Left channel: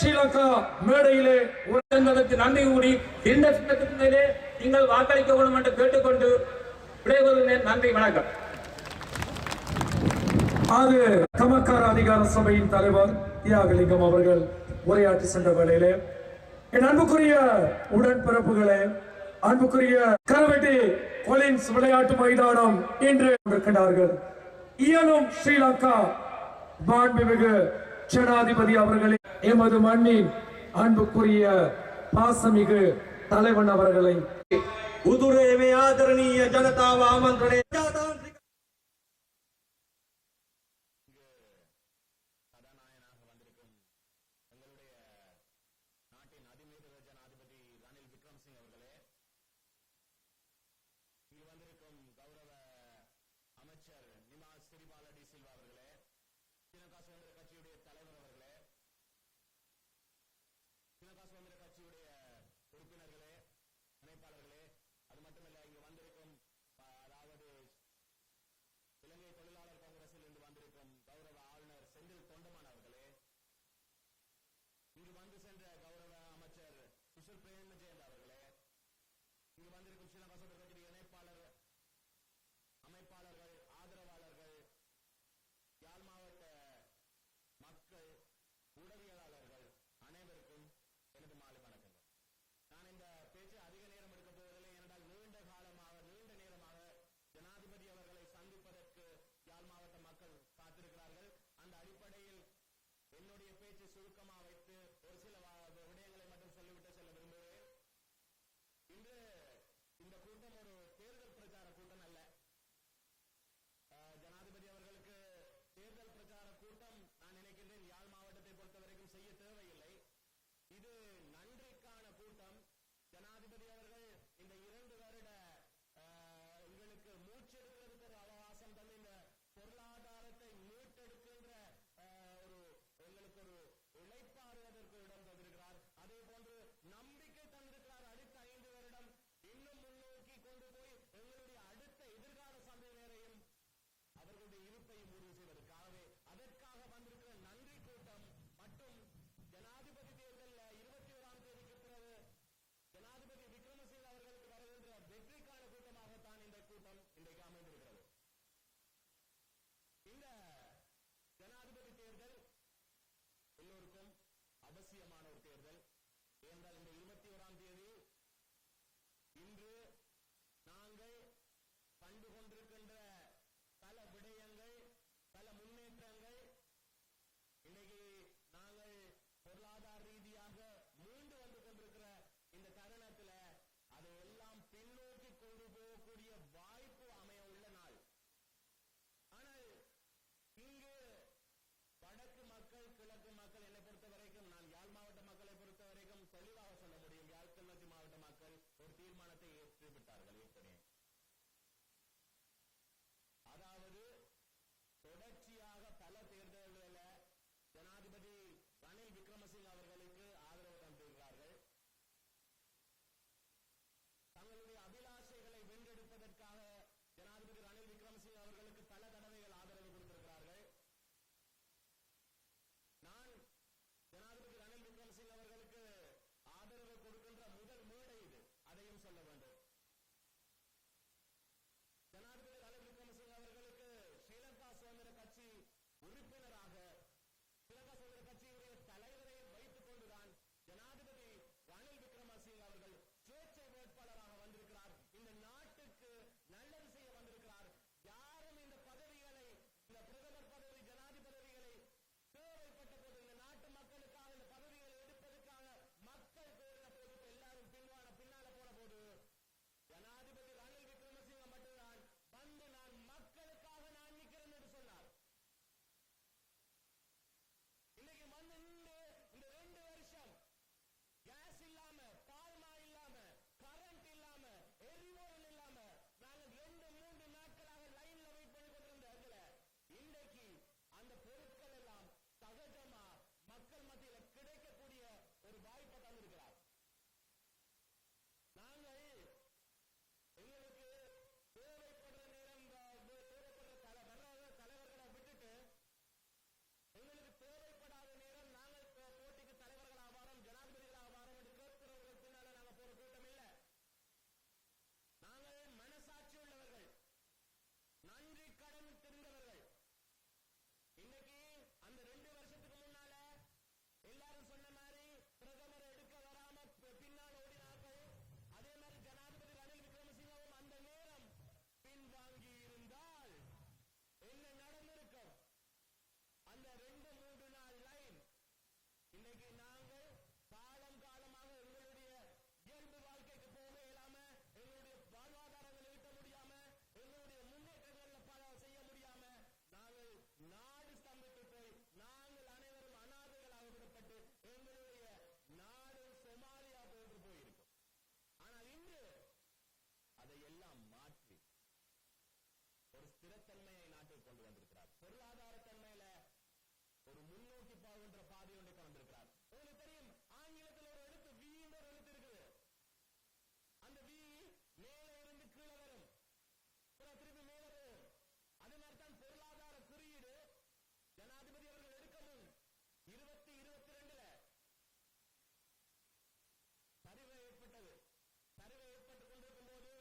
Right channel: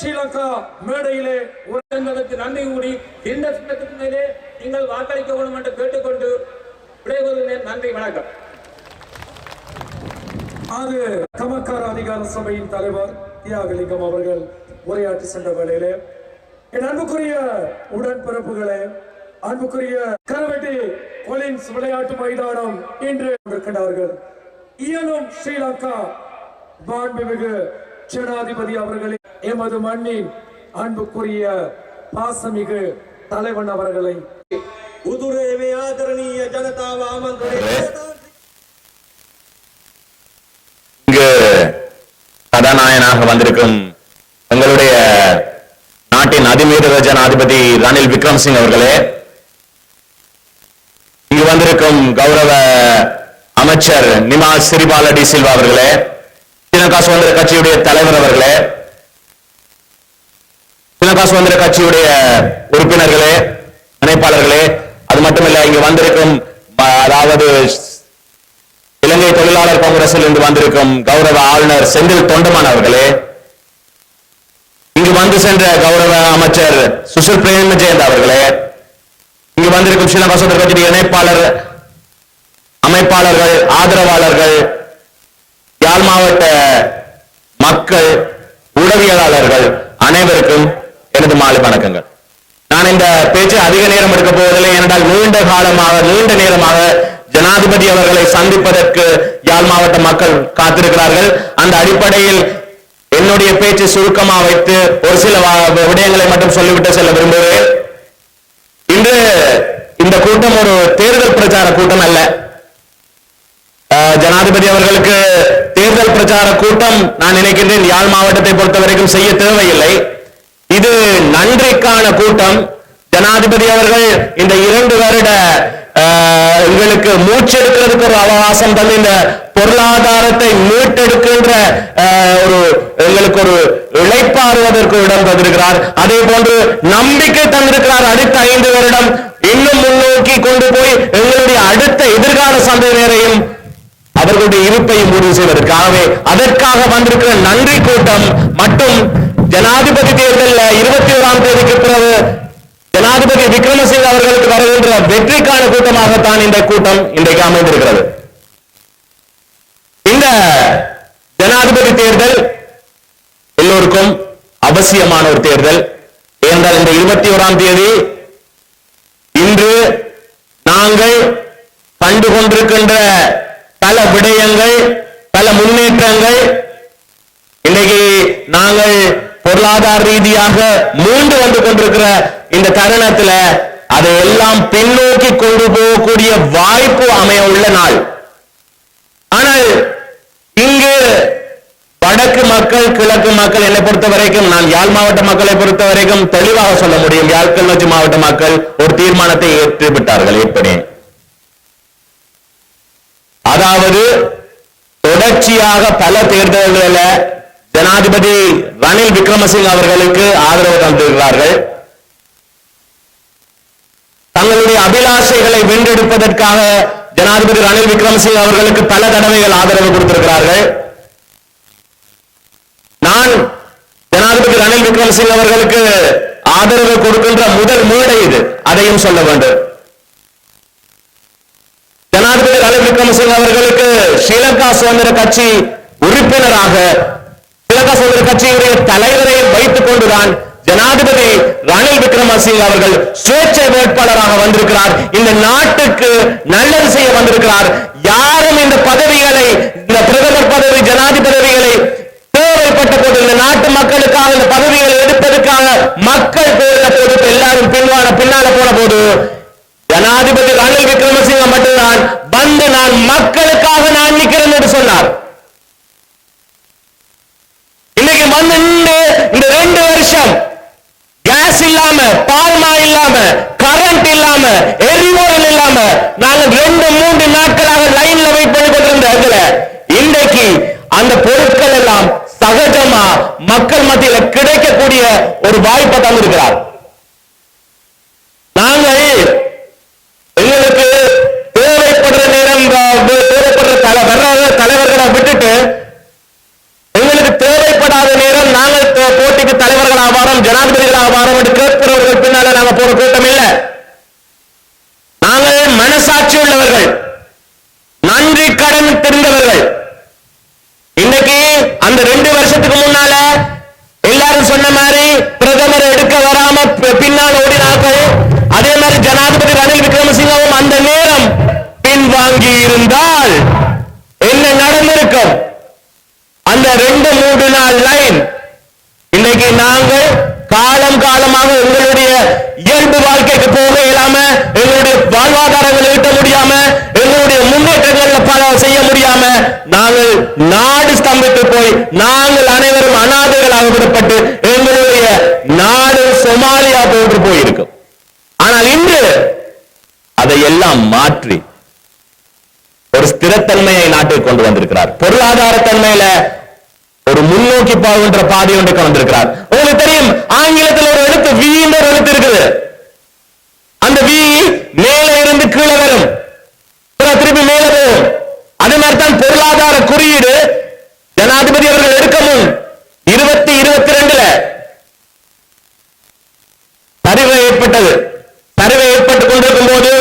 ஸ்ரீலங்கா மேடையிலே ஒரு நன்றி கூறி இந்த திட்டத்திலே நீங்கள் வாக்களிக்க வேண்டும் என்று கேட்டுக்கொண்டு விடைபெறுகிறேன். நன்றி வணக்கம். அது கமக்கார அதிகார சபையின் தலைவர் தியாகலிங்கம் அவர்கள் உரையாற்றி சென்ற வேளையிலே என் அன்புக்குரிய உடன்பிறப்புகளே அன்புக்குரிய கரவெட்டி கொலின்ஸ் விளையாட்டு மைதானம் இன்று இருக்கின்றார்கள் இயலும் ஸ்ரீலங்கா மாண்புமிகு ஜனாதிபதி அவர்களே எமது மண்ணின் அன்புக்குரிய பாசமிகு தலைவன் அவர்களை. கதாநாயனாக வந்திருக்கும் எங்களுடைய நாட்டின் அதிமீத ஜனாதிபதி ரணில் விக்ரம்சிங் அவர்களே இங்கு வந்திருக்கும் கௌரவ அமைச்சர் நிமாஸ் சிறிபால டி சில்வா அவர்களே ஸ்ரீலங்கா சுதந்திர கட்சியுடைய தலைவர் அவர்களே ஸ்ரீலங்கா சுதந்திர கட்சியுடைய உறுப்பினர்களே இணைப்பாளர்களே அது மட்டுமல்ல இங்கு வந்திருக்கும் அதாவது இலங்கை தொழிலாளர் காங்கிரஸில் இருந்து வந்திருக்கும் கௌரவ ஆளுநர் செந்தில் தொண்டமான் அவர்களே இங்கு வந்து சென்ற கௌரவ அமைச்சர் சுசில் பிரேமஜெயந்த் அவர்களே இங்கு வந்திருக்கும் ஸ்ரீலங்கா சுதந்திர கட்சியுடைய இணைப்பாளர் அமைப்பாளர்கள் ஆதரவாளர்கள் யாழ் மாவட்ட மக்கள் ஊடகவியலாளர்கள் அனைவருக்கும் எனது மாலை வணக்கங்கள். நான் இந்த பேச்சு அதிக நேரம் எடுக்க போவதில்லை ஏனென்றால் நீண்ட காலமாக நீண்ட நேரமாக ஜனாதிபதி அவர்களை சந்திப்பதற்கு யாழ் மாவட்ட மக்கள் காத்திருக்கிறார்கள். அந்த அடிப்படையில் என்னுடைய பேச்சு சுருக்கமாக வைத்து ஒரு சில விடயங்களை மட்டும் சொல்லிவிட்டு செல்ல விரும்புகிறேன். இன்று இந்த கூட்டம் ஒரு தேர்தல் பிரச்சார கூட்டம் அல்ல. ஜனாதிபதி அவர்களுக்கு தேர்தல் பிரச்சார கூட்டம் நான் நினைக்கின்றேன் யாழ் மாவட்டத்தை பொறுத்தவரைக்கும் செய்ய தேவையில்லை. இது நன்றிக்கான கூட்டம். ஜனாதிபதி அவர்கள் இந்த இரண்டு வருட எங்களுக்கு மூச்செடுக்கிறதுக்கு ஒரு அவகாசம் தந்து இந்த பொருளாதாரத்தை மீட்டெடுக்கின்ற ஒரு எங்களுக்கு ஒரு இழைப்பாறுவதற்கு இடம் தந்திருக்கிறார். அதே போன்று நம்பிக்கை தந்திருக்கிறார் அடுத்த ஐந்து வருடம். இன்னும் முன்னோக்கி கொண்டு போய் எங்களுடைய அடுத்த எதிர்கால சந்ததியினரையும் அவர்களுடைய இருப்பையும் முடிவு செய்வதற்காகவே அதற்காக வந்திருக்கிற நன்றி கூட்டம் மட்டும் ஜனாதிபதி தேர்தலில் இருபத்தி ஓராம் தேதிக்கு பிறகு ஜனாதிபதி விக்ரமசிங்க அவர்களுக்கு வருகின்ற வெற்றிக்கான கூட்டமாகத்தான் இந்த கூட்டம் இன்றைக்கு அமைந்திருக்கிறது. இந்த ஜனாதிபதி தேர்தல் எல்லோருக்கும் அவசியமான ஒரு தேர்தல். ஏனென்றால் இந்த இருபத்தி ஓராம் தேதி இன்று நாங்கள் கண்டு கொண்டிருக்கின்ற பல விடயங்கள் பல முன்னேற்றங்கள். இன்னைக்கு நாங்கள் பொருளாதார ரீதியாக மூண்டு வந்து கொண்டிருக்கிற இந்த தருணத்துல அதை எல்லாம் பின்னோக்கி கொண்டு போகக்கூடிய வாய்ப்பு அமைய உள்ள நாள். ஆனால் இங்கு வடக்கு மக்கள் கிழக்கு மக்கள் என்னை பொறுத்த வரைக்கும் நான் யாழ் மாவட்ட மக்களை பொறுத்த வரைக்கும் தெளிவாக சொல்ல முடியும். யாழ் கிளர்ச்சி மாவட்ட மக்கள் ஒரு தீர்மானத்தை ஏற்றுவிட்டார்கள் எப்படி அதாவது தொடர்ச்சியாக பல தேர்தல்களில் ஜனாதிபதி ரணில் விக்ரமசிங்க அவர்களுக்கு ஆதரவு தந்திருக்கிறார்கள். தங்களுடைய அபிலாஷைகளை வென்றெடுப்பதற்காக ஜனாதிபதி ரணில் விக்ரமசிங்க அவர்களுக்கு பல தடவைகள் ஆதரவு கொடுத்திருக்கிறார்கள். நான் ஜனாதிபதி ரணில் விக்ரமசிங்க அவர்களுக்கு ஆதரவு கொடுக்கின்ற முதல் மேடை இது. அதையும் சொல்ல வேண்டும். ஜனாதிபதி ரணில் விக்ரமசிங்க அவர்களுக்கு ஸ்ரீலங்கா சுதந்திர கட்சி உறுப்பினராக ஸ்ரீலங்கா சுதந்திர கட்சியுடைய தலைவரை வைத்துக் கொண்டுதான் ஜனாதிபதி ரணில் விக்ரமசிங்க அவர்கள் சுயேட்சை வேட்பாளராக வந்திருக்கிறார். இந்த நாட்டுக்கு நல்லது செய்ய வந்திருக்கிறார். யாரும் இந்த பதவிகளை இந்த பிரதமர் பதவி ஜனாதிபதி பதவிகளை தேவைப்பட்ட போது இந்த நாட்டு மக்களுக்காக இந்த பதவிகளை எடுப்பதற்காக மக்கள் நாங்கள் ரெண்டு மூன்று நாட்களாக லைன்ல வெயிட் பண்ணி கொண்டிருந்த இடத்துல இன்றைக்கு அந்த பொருட்கள் எல்லாம் சகஜமா மக்கள் மத்தியில கிடைக்கக்கூடிய ஒரு வாய்ப்பை தந்திருக்கிறார். நாங்கள் எங்களுக்கு தேவைப்படுற நேரம் தேவைப்படுற தலை வர்ற தலைவர்களை விட்டுட்டு எங்களுக்கு தேவைப்படாத நேரம் நாங்கள் போட்டிக்கு தலைவர்கள் ஆவாரம் ஜனாதிபதிகள் ஆவாரம் கேட்கிறவர்கள் பின்னால நாங்க போற கூட்டம் இல்லை. உள்ளவர்கள் நன்றி கடன் தெரிந்தவர்கள். இன்னைக்கு அந்த ரெண்டு வருஷத்துக்கு முன்னால எல்லாரும் சொன்ன மாதிரி பிரதமர் எடுக்க வராம பின்னால் ஓடினார்கள். அதே மாதிரி ஜனாதிபதி ரணில் விக்ரமசிங்கவும் அந்த நேரம் பின்வாங்கி இருந்தால் என்ன நடந்திருக்கும்? அந்த ரெண்டு மூன்று நாள் லைன். இன்னைக்கு நாங்கள் காலம் காலமாக உங்களுடைய இயல்பு வாழ்க்கைக்கு போக இயலாம எங்களுடைய வாழ்வாதாரங்களை ஈட்ட முடியாம எங்களுடைய முன்னேற்றங்கள்ல பல செய்ய முடியாம நாங்கள் நாடு ஸ்தம்பித்து போய் நாங்கள் அனைவரும் அனாதைகளாக விடப்பட்டு எங்களுடைய நாடு சொமாலியா போன்று போயிருக்கும் ஆனால் இன்று அதையெல்லாம் மாற்றி ஒரு ஸ்திரத்தன்மையை நாட்டில் கொண்டு வந்திருக்கிறார். பொருளாதார தன்மையில ஒரு முன்னோக்கி போகின்ற பாதை ஒன்றுக்கு வந்திருக்கிறார். உங்களுக்கு தெரியும் ஆங்கிலத்தில் ஒரு எழுத்து வி என்ற ஒரு எழுத்து இருக்குது. அந்த வி மேலே இருந்து கீழே வரும். திருப்பி மேலே போகும். அதே மாதிரி தான் பொருளாதார குறியீடு ஜனாதிபதி அவர்கள் எடுக்கவும் இருபத்தி இருபத்தி ரெண்டுல. சரிவு ஏற்பட்டது சரிவு ஏற்பட்டுக் கொண்டிருக்கும் போது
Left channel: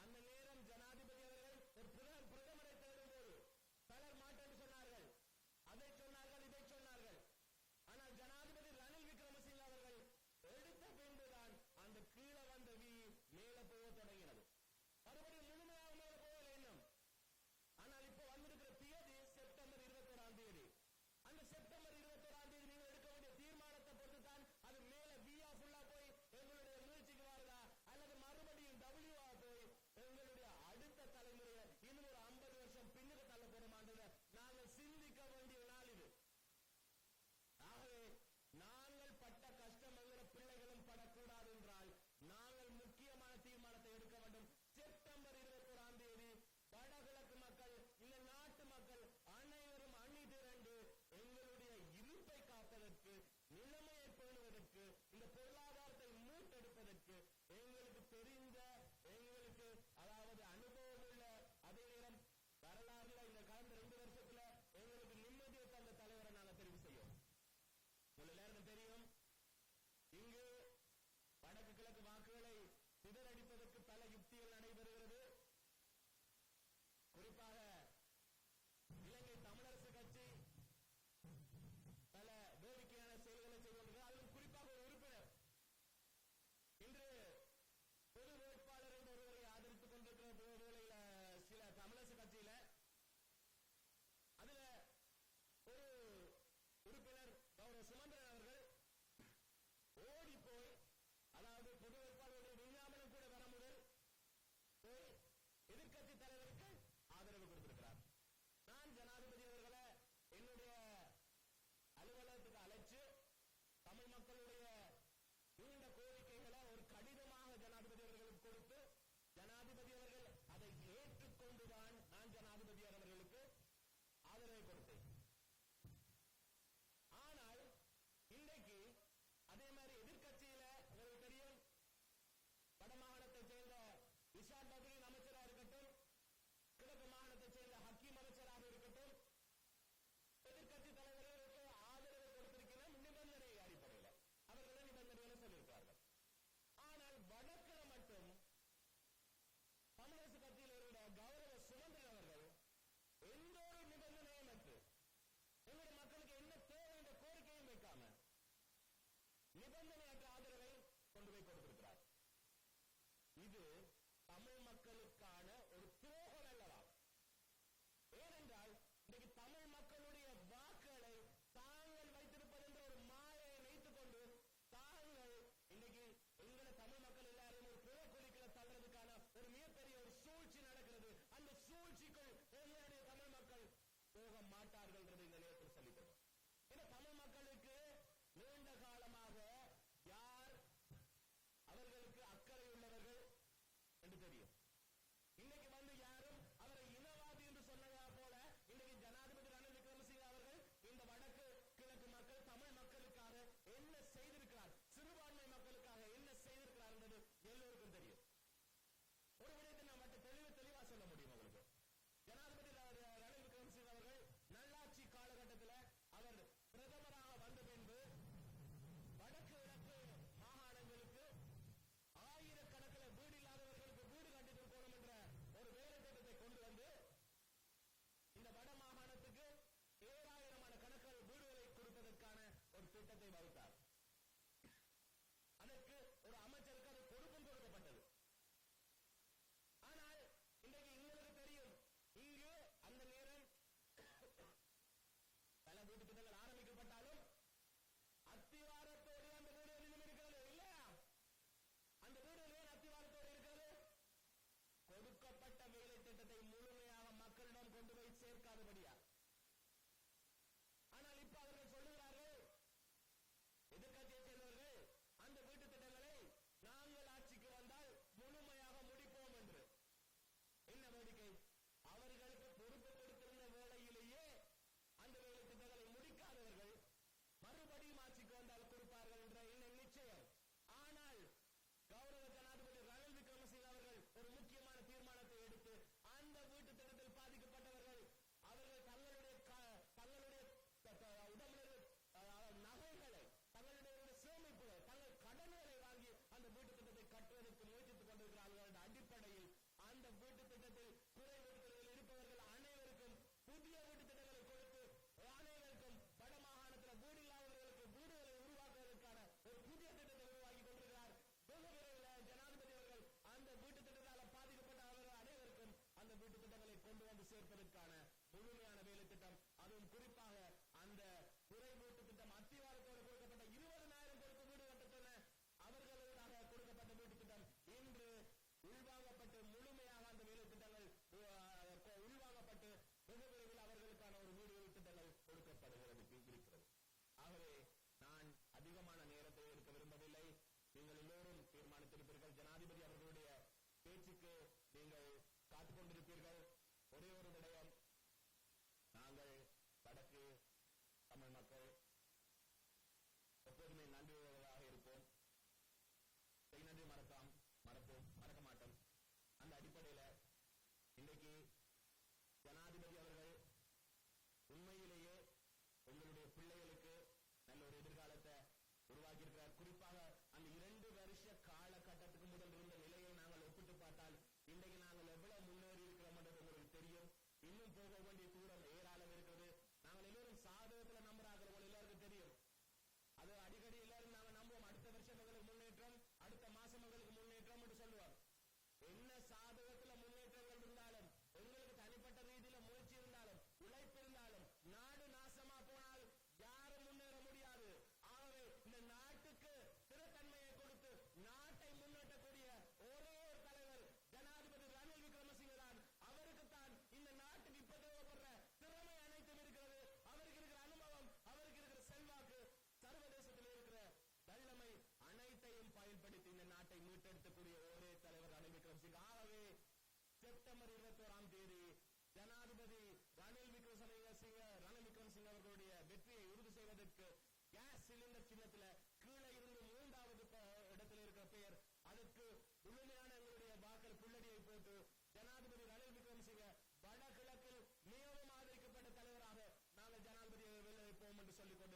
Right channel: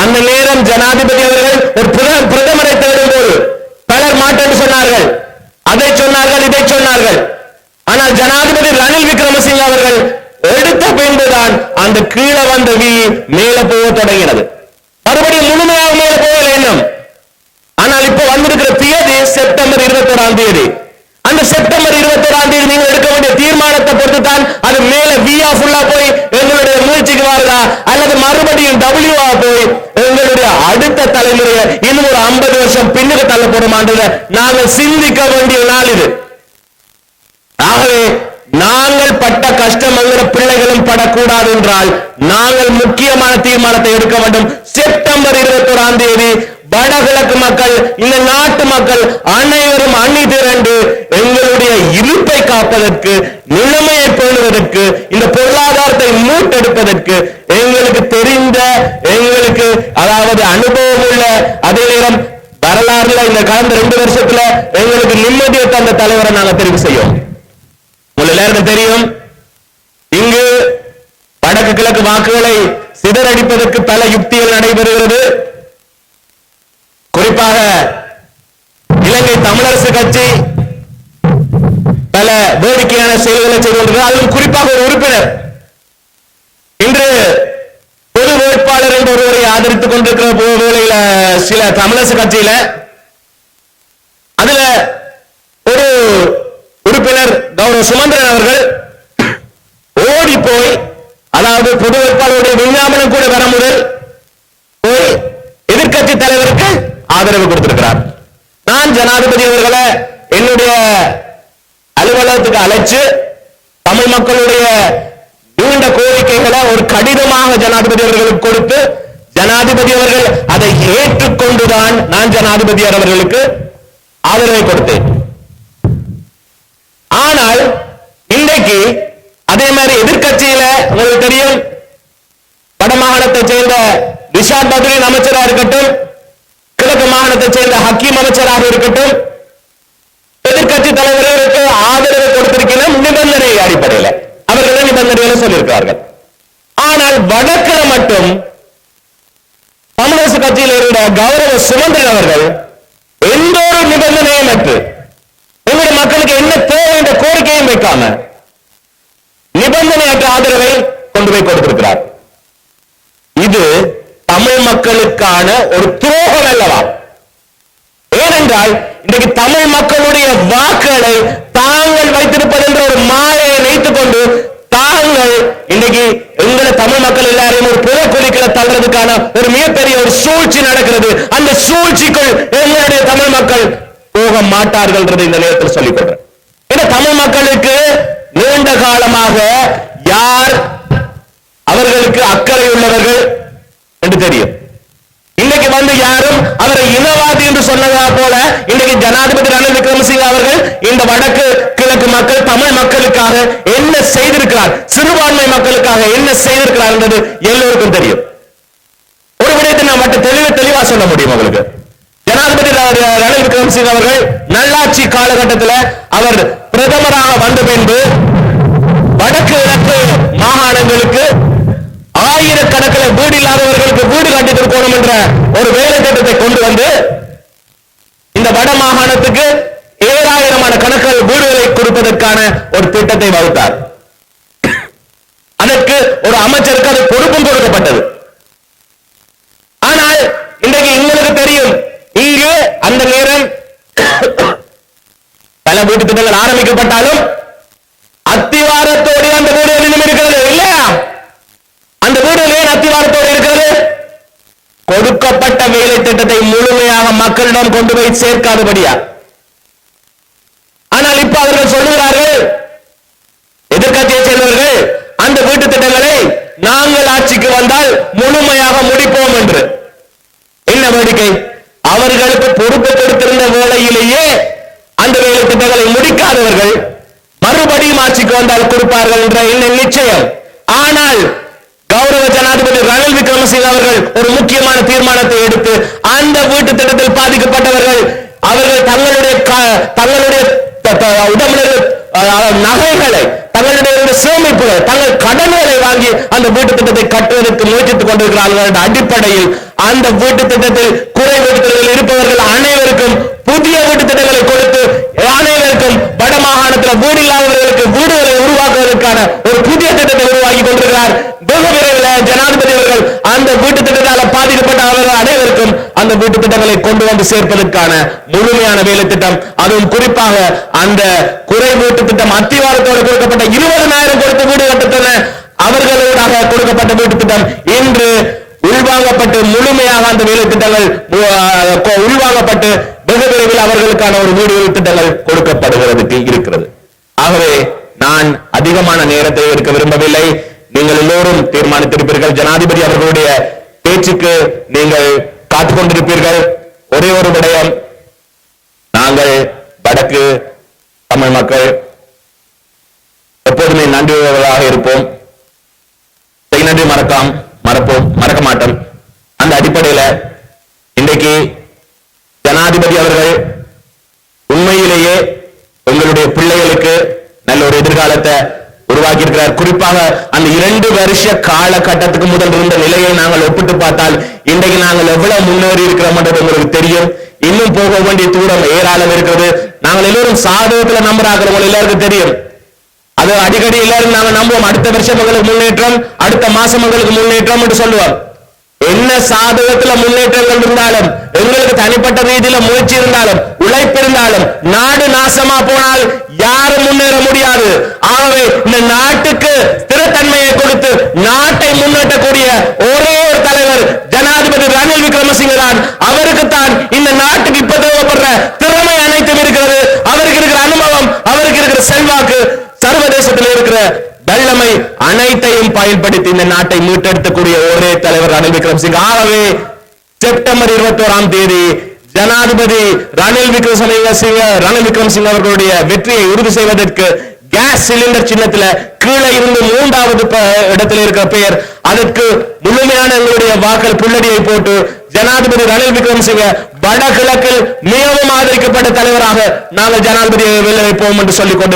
அந்த நேரம் ஜனாதிபதி அவர்கள் ஒரு பிரத- பிரதமரை தேடும் போது பலர் மாட்டேன்னு சொன்னார்கள் அதை சொன்னார்கள் இதை சொன்னார்கள் ஆனால் ஜனாதிபதி ரணில் விக்ரமசிங்க அவர்கள் எடுத்த பின்புதான் அந்த கீழே வந்த வி மேல போக தொடங்கினது மறுபடியும் முழுமையாக மேலே போகல இன்னும் ஆனால் இப்போ வந்திருக்கிற தேதி செப்டம்பர் இருபத்தோராம் தேதி. அந்த செப்டம்பர் இருபத்தோராம் தேதி நீங்கள் எடுக்க வேண்டிய தீர்மானத்தை பொறுத்து தான் அது மேல வியா ஃபுல்லா போய் எங்களுடைய முயற்சிக்கு வருதா? அல்லது மறுபடியும் டபிள்யூவா போய் எங்களுடைய அடுத்த தலைமுறையை இன்னும் ஒரு ஐம்பது வருஷம் பின்னுக்கு தள்ளப்படுமான்றதை நாங்கள் சிந்திக்க வேண்டிய நாள் இது. ஆகவே நாங்கள் பட்ட கஷ்டம் என்கிற பிள்ளைகளும் படக்கூடாது என்றால் நாங்கள் முக்கியமான தீர்மானத்தை எடுக்க வேண்டும். செப்டம்பர் இருபத்தோராம் தேதி வடகிழக்கு மக்கள் இந்த நாட்டு மக்கள் அனைவரும் அணி திரண்டு எங்களுடைய இருப்பை காப்பதற்கு நிலைமையை பேணுவதற்கு இந்த பொருளாதாரத்தை மூட்டெடுப்பதற்கு எங்களுக்கு தெரிந்த எங்களுக்கு அதாவது அனுபவம் உள்ள அதே நேரம் வரலாறுல இந்த கடந்த ரெண்டு வருஷத்துல எங்களுக்கு நிம்மதியை தந்த தலைவரை நாங்க தெரிவு செய்யும் உங்களுக்கு எல்லாருக்கும் தெரியும். இங்கு வடக்கு கிழக்கு வாக்குகளை சிதறடிப்பதற்கு பல யுக்திகள் நடைபெறுகிறது. குறிப்பாக இலங்கை தமிழரசு கட்சி பல வேடிக்கையான செயல்களை செய்து கொண்டிருக்கிறது. அதிலும் குறிப்பாக ஒரு உறுப்பினர். இன்று பொது வேட்பாளர் என்று ஒருவரை ஆதரித்துக் கொண்டிருக்கிற வேளையில சில தமிழரசு கட்சியில அதுல ஒரு உறுப்பினர் கௌரவ சுமந்திரன் அவர்கள் ஓடி போய் அதாவது பொது வேட்பாளருடைய விஞ்ஞாபனம் கூட வர முதல் போய் எதிர்கட்சி தலைவருக்கு ஆதரவு கொடுத்திருக்கிறார். நான் ஜனாதிபதி அவர்களை என்னுடைய அலுவலகத்துக்கு அழைச்சு தமிழ் மக்களுடைய நீண்ட கோரிக்கைகளை ஒரு கடிதமாக ஜனாதிபதி அவர்களுக்கு கொடுத்து ஜனாதிபதி அவர்கள் அதை ஏற்றுக்கொண்டுதான் நான் ஜனாதிபதி அவர்களுக்கு ஆதரவை கொடுத்தேன். ஆனால் இன்றைக்கு அதே மாதிரி எதிர்க்கட்சியில உங்களுக்கு தெரியும் வடமாகாணத்தை சேர்ந்த ரிஷாத் பத்ரின் அமைச்சராக இருக்கட்டும் கிழக்கு மாகாணத்தை சேர்ந்த ஹக்கீம் அமைச்சராக இருக்கட்டும் எதிர்க்கட்சி தலைவர்களுக்கு ஆதரவு கொடுத்திருக்கிற நிபந்தனை அடிப்படையில். அவர்கள் நிபந்தனைகளை சொல்லியிருக்கிறார்கள். ஆனால் வடக்கில் மட்டும் தமிழரசு கட்சியில் இருந்த கௌரவ சுமந்திரன் அவர்கள் எந்த ஒரு நிபந்தனையும் அற்று உங்களுடைய மக்களுக்கு என்ன தேவை என்ற கோரிக்கையும் வைக்காம நிபந்தனையற்ற ஆதரவை கொண்டு போய் கொடுத்திருக்கிறார். இது தமிழ் மக்களுக்கான ஒரு துரோகம் அல்லவா? ஏனென்றால் இன்றைக்கு தமிழ் மக்களுடைய வாக்குகளை தாங்கள் வைத்திருப்பது என்ற ஒரு மாயை வைத்துக் கொண்டு தாங்கள் இன்னைக்கு எங்களை தமிழ் மக்கள் எல்லாரையும் ஒரு புறக்குழிகளை தள்ளுறதுக்கான ஒரு மிகப்பெரிய ஒரு சூழ்ச்சி நடக்கிறது. அந்த சூழ்ச்சிக்குள் எங்களுடைய தமிழ் மக்கள் போக மாட்டார்கள் இந்த நேரத்தில் சொல்லிக் கொள்றேன் தமிழ் மக்களுக்கு நீண்ட காலமாக யார் அவர்களுக்கு அக்கறை உள்ளவர்கள் என்று தெரியும். இன்னைக்கு வந்து யாரும் அவரை இனவாதி என்று சொன்னதா போல இன்னைக்கு ஜனாதிபதி ரணில் விக்ரமசிங்க அவர்கள் இந்த வடக்கு கிழக்கு மக்கள் தமிழ் மக்களுக்காக என்ன செய்திருக்கிறார் சிறுபான்மை மக்களுக்காக என்ன செய்திருக்கிறார் என்பது எல்லோருக்கும் தெரியும். ஒரு விடயத்தை நான் மட்டும் தெளிவா தெளிவா சொல்ல முடியும் உங்களுக்கு. ஜனாதிபதி ரணில் விக்ரமசிங்க அவர்கள் நல்லாட்சி காலகட்டத்தில் அவர் பிரதமராக வந்த பின்பு வடக்கு கிழக்கு மாகாணங்களுக்கு ஆயிரக்கணக்கில் வீடு இல்லாதவர்களுக்கு வீடு கட்டி கொடுக்கணும் என்ற ஒரு வேலை திட்டத்தை கொண்டு வந்து இந்த வட மாகாணத்துக்கு ஏழாயிரமான கணக்கில் வீடுகளை கொடுப்பதற்கான ஒரு திட்டத்தை வகுத்தார். அதற்கு ஒரு அமைச்சருக்கு அது பொறுப்பும் கொடுக்கப்பட்டது. ஆனால் இன்றைக்கு எங்களுக்கு தெரியும் இங்கு அந்த நேரம் பல வீட்டு திட்டங்கள் ஆரம்பிக்கப்பட்டாலும் அத்திவாரத்தோடு அந்த வீடு இன்னும் இருக்கிறது இல்லையா? அந்த வீடு ஏன் அத்திவாரத்தோடு இருக்கிறது? கொடுக்கப்பட்ட வேலை திட்டத்தை முழுமையாக மக்களிடம் கொண்டு போய் சேர்க்காதபடியா? ஆனால் இப்ப அவர்கள் சொல்லுகிறார்கள் எதிர்க்கட்சியை சேர்ந்தவர்கள் அந்த வீட்டு திட்டங்களை நாங்கள் ஆட்சிக்கு வந்தால் முழுமையாக முடிப்போம் என்று. என்ன வேடிக்கை? அவர்களுக்கு பொறுப்பு கொடுத்திருந்த வேளையிலேயே அந்த வேலை திட்டங்களை முடிக்காதவர்கள் மறுபடியும் ஆட்சிக்கு வந்தால் கொடுப்பார்கள் என்ற எண்ணம் நிச்சயம். ஆனால் கௌரவ ஜனாதிபதி ரணில் விக்ரமசிங்க அவர்கள் ஒரு முக்கியமான தீர்மானத்தை எடுத்து அந்த வீட்டு திட்டத்தில் பாதிக்கப்பட்டவர்கள் அவர்கள் தங்களுடைய தங்களுடைய உடம்புல நகைகளை தங்களுடைய சேமிப்புகள் தங்கள் கடன்களை வாங்கி அந்த வீட்டு திட்டத்தை கட்டுவதற்கு முயற்சித்துக் கொண்டிருக்கிறார்கள் என்ற அடிப்படையில் அந்த வீட்டு திட்டத்தில் குறை வீட்டு திட்டத்தில் இருப்பவர்கள் அனைவருக்கும் புதிய வீட்டு திட்டங்களை கொடுத்து அனைவருக்கும் வட மாகாணத்தில் வீடு இல்லாதவர்களுக்கு வீடுகளை உருவாக்குவதற்கான ஒரு புதிய திட்டத்தை உருவாக்கி கொண்டிருக்கிறார் வெகு விரைவில் ஜனாதிபதி அவர்கள் அந்த வீட்டு திட்டத்தால் பாதிக்கப்பட்ட அவர்கள் அனைவருக்கும் அந்த வீட்டு திட்டங்களை கொண்டு வந்து சேர்ப்பதற்கான முழுமையான வேலை திட்டம். அதுவும் குறிப்பாக அந்த குறை வீட்டு திட்டம் அத்திவாரத்தோடு கொடுக்கப்பட்ட இருபதனாயிரம் கொடுத்த வீடு கட்டத்தன அவர்களோடாக கொடுக்கப்பட்ட வீட்டு திட்டம் இன்று உள்வாங்கப்பட்டு முழுமையாக அந்த வேலை திட்டங்கள் உள்வாங்கப்பட்டு வெகு விரைவில் அவர்களுக்கான ஒரு வீடு திட்டங்கள் கொடுக்கப்படுகிறதுக்கு இருக்கிறது. ஆகவே நான் அதிகமான நேரத்தை எடுக்க விரும்பவில்லை. நீங்கள் எல்லோரும் தீர்மானித்திருப்பீர்கள். ஜனாதிபதி அவர்களுடைய பேச்சுக்கு நீங்கள் காத்துக்கொண்டிருப்பீர்கள். ஒரே ஒரு விடயம். நாங்கள் வடக்கு தமிழ் மக்கள் எப்போதுமே நன்றியுள்ளவர்களாக இருப்போம். செய் நன்றி மறக்காம் மறப்போம் மறக்க மாட்டோம். அந்த அடிப்படையில இன்றைக்கு ஜனாதிபதி அவர்கள் உண்மையிலேயே உங்களுடைய பிள்ளைகளுக்கு நல்ல ஒரு எதிர்காலத்தை உருவாக்கி இருக்கிறார் குறிப்பாக அந்த இரண்டு வருஷ காலகட்டத்துக்கு முதல் இருந்த நிலையை நாங்கள் ஒப்பிட்டு பார்த்தால் இன்றைக்கு நாங்கள் எவ்வளவு முன்னேறி இருக்கிறோம்ன்றது உங்களுக்கு தெரியும். இன்னும் போக வேண்டிய தூரம் ஏராளம் இருக்கிறது. நாங்கள் எல்லோரும் சாதகத்துல நம்புறாங்க உங்களுக்கு எல்லாருக்கும் தெரியும். அது அடிக்கடி எல்லாரும் நாங்க நம்புவோம். அடுத்த வருஷம் எங்களுக்கு முன்னேற்றம் அடுத்த மாசம் எங்களுக்கு முன்னேற்றம் என்று சொல்லுவோம். என்ன சாதகத்துல முன்னேற்றங்கள் இருந்தாலும் எங்களுக்கு தனிப்பட்ட ரீதியில முயற்சி இருந்தாலும் உழைப்பு இருந்தாலும் நாடு நாசமா போனால் யாரும் முன்னேற முடியாது. ஆகவே இந்த நாட்டுக்கு ஸ்திரத்தன்மையை கொடுத்து நாட்டை முன்னேற்றக்கூடிய ஒரே ஒரு தலைவர் ஜனாதிபதி ரணில் விக்ரமசிங்க தான் அவருக்கு தான் இந்த நாட்டுக்கு இப்ப தேவைப்படுற திறமை அனைத்தும் இருக்கிறது. அவருக்கு இருக்கிற அனுபவம் அவருக்கு இருக்கிற செல்வாக்கு சர்வதேசத்தில் இருக்கிற வல்லமை அனைத்தையும் பயன்படுத்தி இந்த நாட்டை மீட்டெடுக்கக்கூடிய ஒரே தலைவர் ரணில் விக்ரமசிங்க. ஆகவே செப்டம்பர் இருபத்தி ஓராம் தேதி ஜனாதிபதி ரணில் விக்ரமசிங்க ரணில் விக்ரமசிங்க அவர்களுடைய வெற்றியை உறுதி செய்வதற்கு கேஸ் சிலிண்டர் சின்னத்துல கீழே இருந்து மூன்றாவது இடத்துல இருக்கிற பெயர். அதற்கு முழுமையான எங்களுடைய வாக்கள் புள்ளடியை போட்டு ஜனாதிபதி ரணில் விக்ரமசிங்க வடகிழக்கில் மிகவும் ஆதரிக்கப்பட்ட தலைவராக நாங்கள் ஜனாதிபதியை வெளியே வைப்போம் என்று சொல்லிக் கொண்டு